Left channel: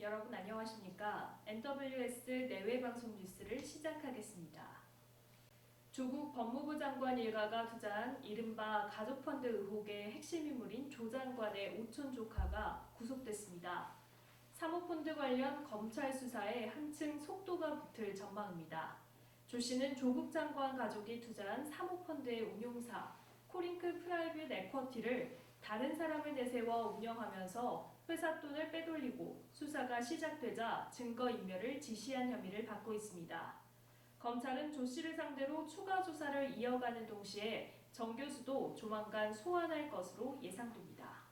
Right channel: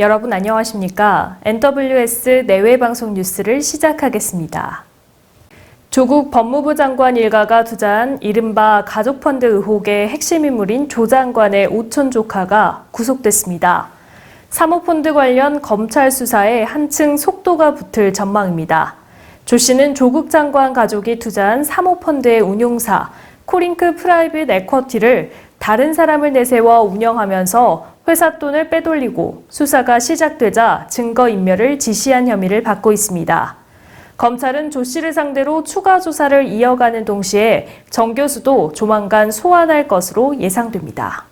여러분 안녕하십니까? NWS 내외방송 뉴스를 시작하겠습니다. 조국 법무부 장관 일가가 투자한 이른바 가족펀드 의혹의 핵심 인물인 조 장관의 오촌 조카가 구속됐습니다. 사모펀드 관련 검찰 수사에 한층 속도가 붙을 전망입니다. 조 씨는 조국 장관 가족이 투자한 사모펀드의 운용사 코링크 프라이빗 에쿼티를 다른 사람을 내세워 운영하면서 회사 돈을 빼돌리고 수사가 시작되자 증거인멸을 지시한 혐의를 받고 있습니다. 검찰은 조 씨를 상대로 추가 조사를 이어가는 동시에 정 교수도 조만간 소환할 것으로 예상됩니다.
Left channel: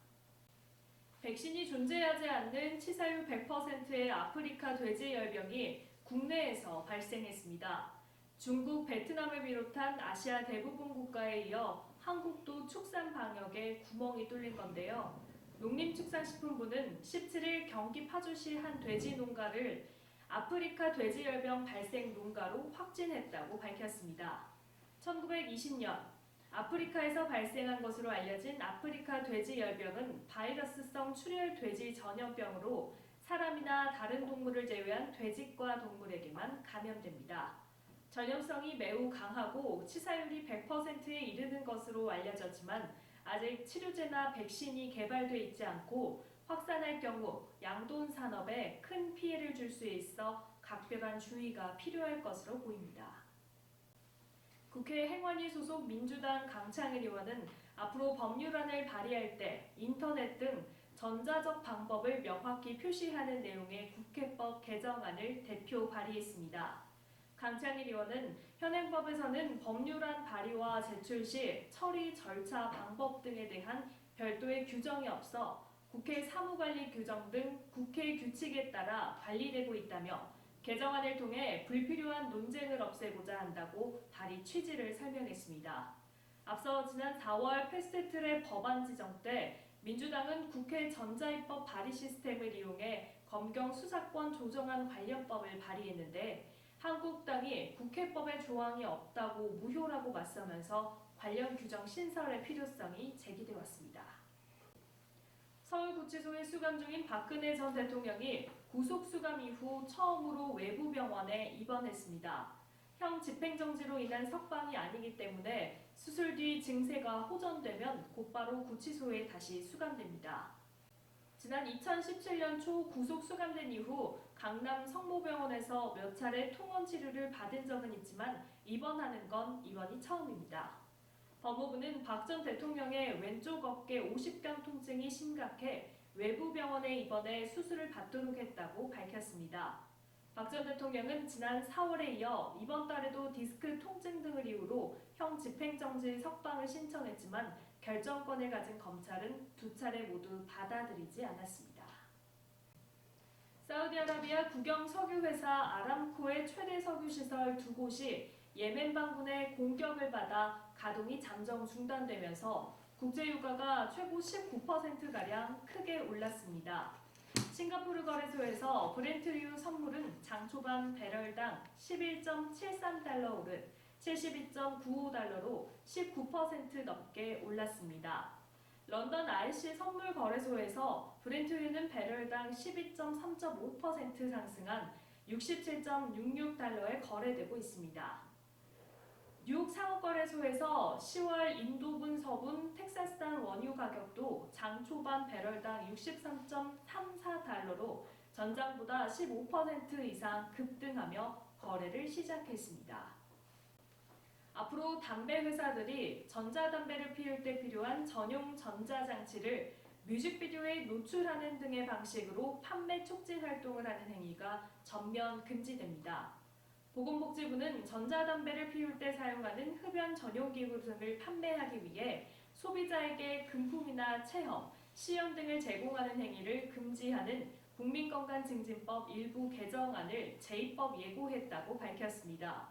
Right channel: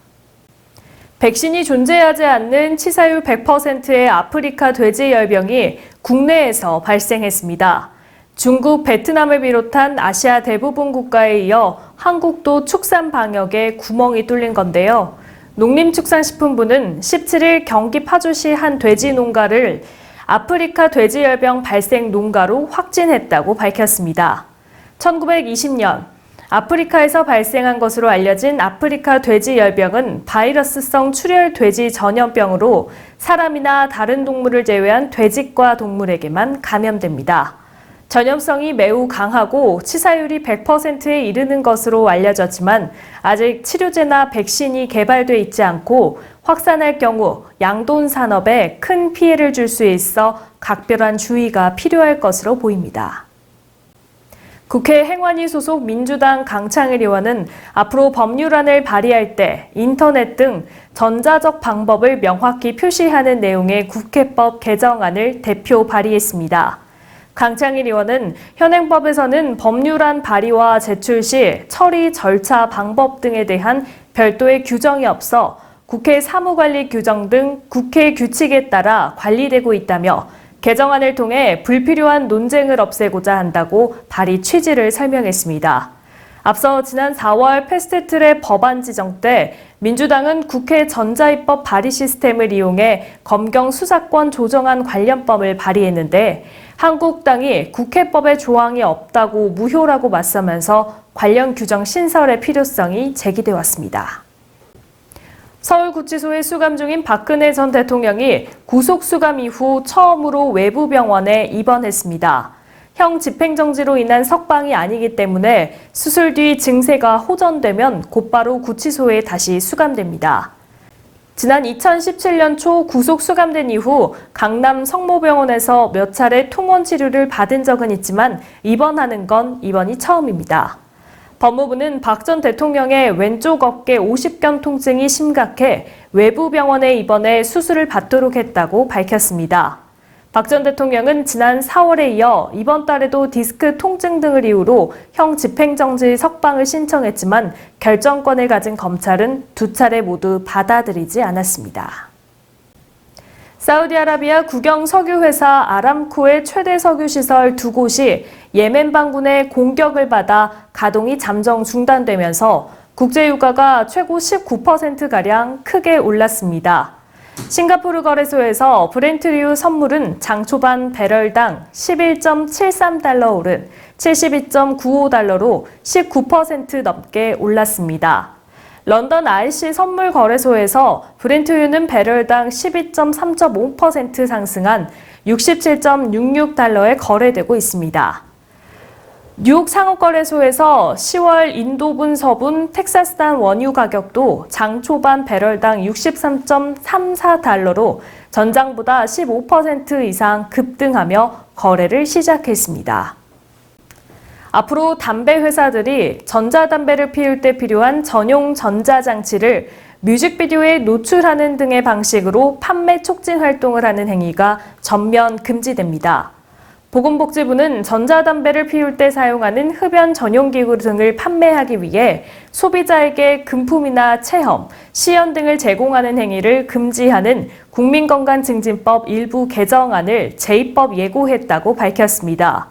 백신이 존재하지 않는 치사율 100%의 아프리카 돼지열병이 국내에서 발생했습니다. 중국, 베트남을 비롯한 아시아 대부분 국가에 이어 한국도 축산 방역에 구멍이 뚫린 건데요. 농림축산식품부는 17일 경기 파주시 한 돼지 농가를 아프리카 돼지열병 발생 농가로 확진했다고 밝혔습니다. 1920년 아프리카에서 발생한 것으로 알려진 아프리카 돼지열병은 바이러스성 출혈 돼지 전염병으로 사람이나 다른 동물을 제외한 돼지과 동물에게만 감염됩니다. 전염성이 매우 강하고 치사율이 100%에 이르는 것으로 알려졌지만 아직 치료제나 백신이 개발돼 있지 않고 확산할 경우 양돈 산업에 큰 피해를 줄 수 있어 각별한 주의가 필요할 것으로 보입니다. 국회 행안위 소속 민주당 강창일 의원은 앞으로 법률안을 발의할 때 인터넷 등 전자적 방법을 명확히 표시하는 내용의 국회법 개정안을 대표 발의했습니다. 강창일 의원은 현행법에서는 법률안 발의와 제출 시 처리 절차 방법 등에 대한 별도의 규정이 없어 국회 사무관리 규정 등 국회 규칙에 따라 관리되고 있다며 개정안을 통해 불필요한 논쟁을 없애고자 한다고 발의 취지를 설명했습니다. 앞서 지난 4월 패스트트랙 법안 지정 때 민주당은 국회 전자입법 발의 시스템을 이용해 검경 수사권 조정안 관련법을 발의했는데 한국당이 국회법에 조항이 없다고 무효라고 맞서면서 관련 규정 신설의 필요성이 제기돼 왔습니다. 서울구치소에 수감 중인 박근혜 전 대통령이 구속수감 이후 처음으로 외부 병원에 입원했습니다. 형 집행정지로 인한 석방이 아니기 때문에 수술 뒤 증세가 호전되면 곧바로 구치소에 다시 수감됩니다. 지난 2017년 초 구속 수감된 이후 강남 성모병원에서 몇 차례 통원 치료를 받은 적은 있지만 입원하는 건 이번이 처음입니다. 법무부는 박 전 대통령의 왼쪽 어깨 50견 통증이 심각해 외부 병원에 입원해 수술을 받도록 했다고 밝혔습니다. 박 전 대통령은 지난 4월에 이어 이번 달에도 디스크 통증 등을 이유로 형 집행정지 석방을 신청했지만 결정권을 가진 검찰은 두 차례 모두 받아들이지 않았습니다. 사우디아라비아 국영 석유회사 아람코의 최대 석유시설 두 곳이 예멘 반군의 공격을 받아 가동이 잠정 중단되면서 국제유가가 최고 19%가량 크게 올랐습니다. 싱가포르 거래소에서 브렌트류 선물은 장 초반 배럴당 11.73달러 오른 72.95달러로 19% 넘게 올랐습니다. 런던 RC 선물 거래소에서 브렌트유는 배럴당 12.3.5% 상승한 67.66달러에 거래되고 있습니다. 뉴욕 상업거래소에서 10월 인도분 서분 텍사스산 원유 가격도 장 초반 배럴당 63.34달러로 전장보다 15% 이상 급등하며 거래를 시작했습니다. 앞으로 담배 회사들이 전자담배를 피울 때 필요한 전용 전자장치를 뮤직비디오에 노출하는 등의 방식으로 판매 촉진 활동을 하는 행위가 전면 금지됩니다. 보건복지부는 전자담배를 피울 때 사용하는 흡연 전용기구 등을 판매하기 위해 소비자에게 금품이나 체험, 시연 등을 제공하는 행위를 금지하는 국민건강증진법 일부 개정안을 제2법 예고했다고 밝혔습니다.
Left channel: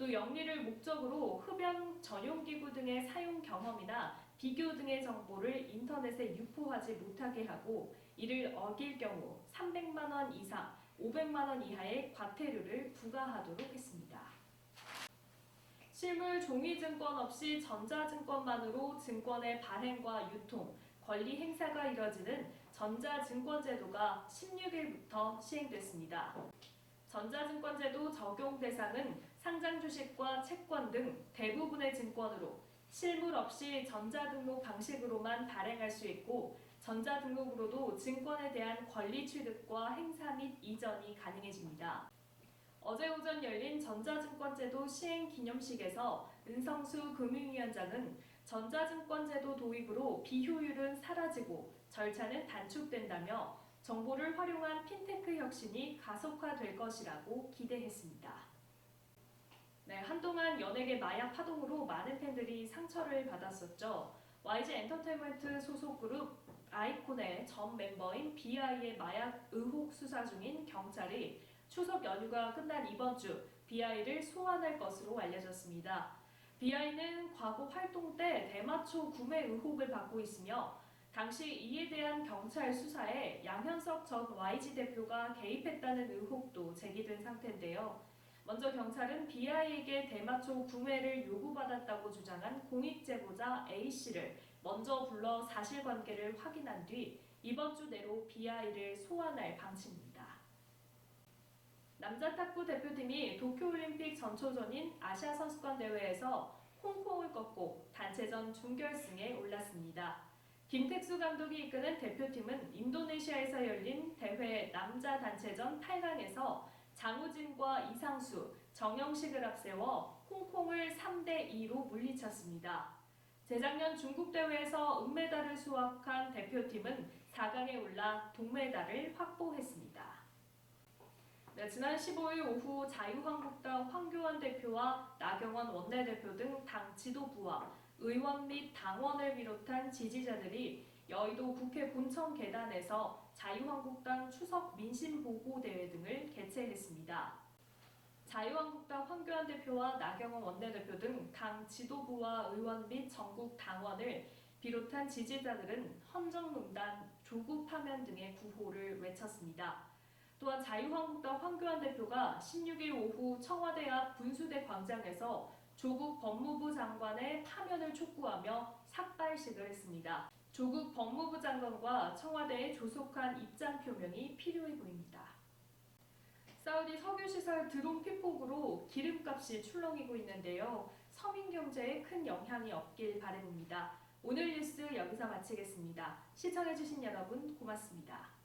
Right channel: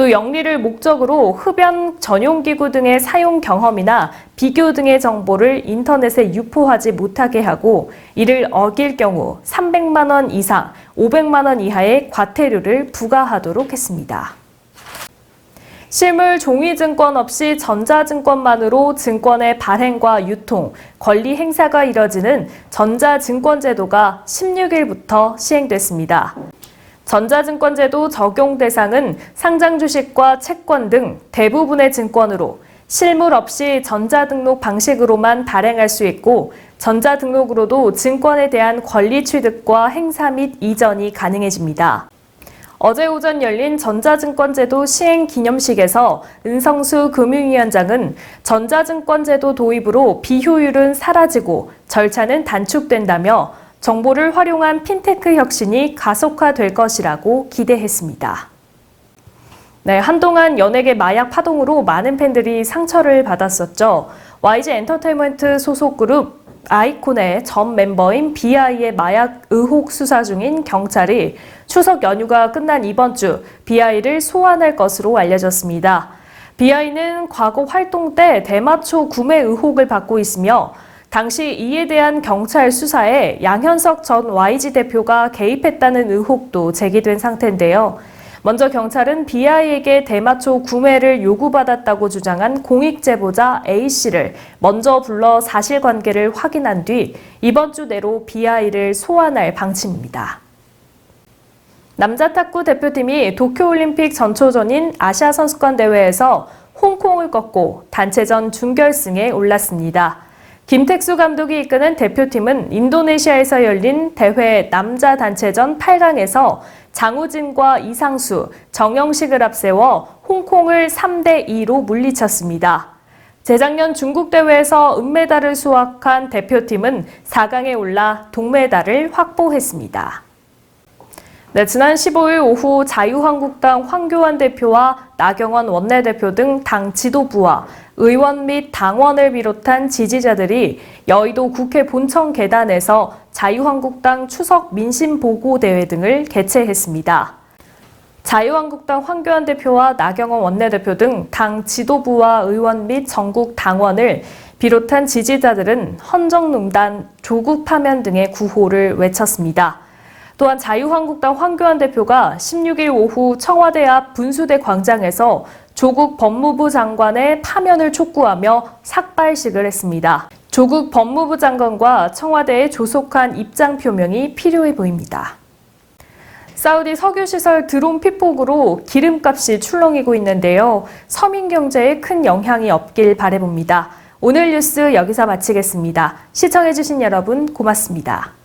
또 영리를 목적으로 흡연 전용기구 등의 사용 경험이나 비교 등의 정보를 인터넷에 유포하지 못하게 하고 이를 어길 경우 300만 원 이상, 500만 원 이하의 과태료를 부과하도록 했습니다. 실물 종이증권 없이 전자증권만으로 증권의 발행과 유통, 권리 행사가 이뤄지는 전자증권제도가 16일부터 시행됐습니다. 전자증권제도 적용 대상은 상장 주식과 채권 등 대부분의 증권으로 실물 없이 전자등록 방식으로만 발행할 수 있고 전자등록으로도 증권에 대한 권리 취득과 행사 및 이전이 가능해집니다. 어제 오전 열린 전자증권제도 시행 기념식에서 은성수 금융위원장은 전자증권제도 도입으로 비효율은 사라지고 절차는 단축된다며 정보를 활용한 핀테크 혁신이 가속화될 것이라고 기대했습니다. 네, 한동안 연예계 마약 파동으로 많은 팬들이 상처를 받았었죠. YG 엔터테인먼트 소속 그룹 아이콘의 전 멤버인 BI의 마약 의혹 수사 중인 경찰이 추석 연휴가 끝난 이번 주 BI를 소환할 것으로 알려졌습니다. BI는 과거 활동 때 대마초 구매 의혹을 받고 있으며 당시 이에 대한 경찰 수사에 양현석 전 YG 대표가 개입했다는 의혹도 제기된 상태인데요. 먼저 경찰은 BI에게 대마초 구매를 요구받았다고 주장한 공익 제보자 A씨를 먼저 불러 사실관계를 확인한 뒤 이번 주 내로 BI를 소환할 방침입니다. 남자 탁구 대표팀이 도쿄올림픽 전초전인 아시아선수권 대회에서 홍콩을 꺾고 단체전 준결승에 올랐습니다. 김택수 감독이 이끄는 대표팀은 인도네시아에서 열린 대회 남자 단체전 8강에서 장우진과 이상수, 정영식을 앞세워 홍콩을 3대2로 물리쳤습니다. 재작년 중국 대회에서 은메달을 수확한 대표팀은 4강에 올라 동메달을 확보했습니다. 네, 지난 15일 오후 자유한국당 황교안 대표와 나경원 원내대표 등 당 지도부와 의원 및 당원을 비롯한 지지자들이 여의도 국회 본청 계단에서 자유한국당 추석 민심보고대회 등을 개최했습니다. 자유한국당 황교안 대표와 나경원 원내대표 등 당 지도부와 의원 및 전국 당원을 비롯한 지지자들은 헌정농단, 조국 파면 등의 구호를 외쳤습니다. 또한 자유한국당 황교안 대표가 16일 오후 청와대 앞 분수대 광장에서 조국 법무부 장관의 파면을 촉구하며 삭발식을 했습니다. 조국 법무부 장관과 청와대의 조속한 입장 표명이 필요해 보입니다. 사우디 석유시설 드론 피폭으로 기름값이 출렁이고 있는데요. 서민 경제에 큰 영향이 없길 바라봅니다. 오늘 뉴스 여기서 마치겠습니다. 시청해주신 여러분 고맙습니다.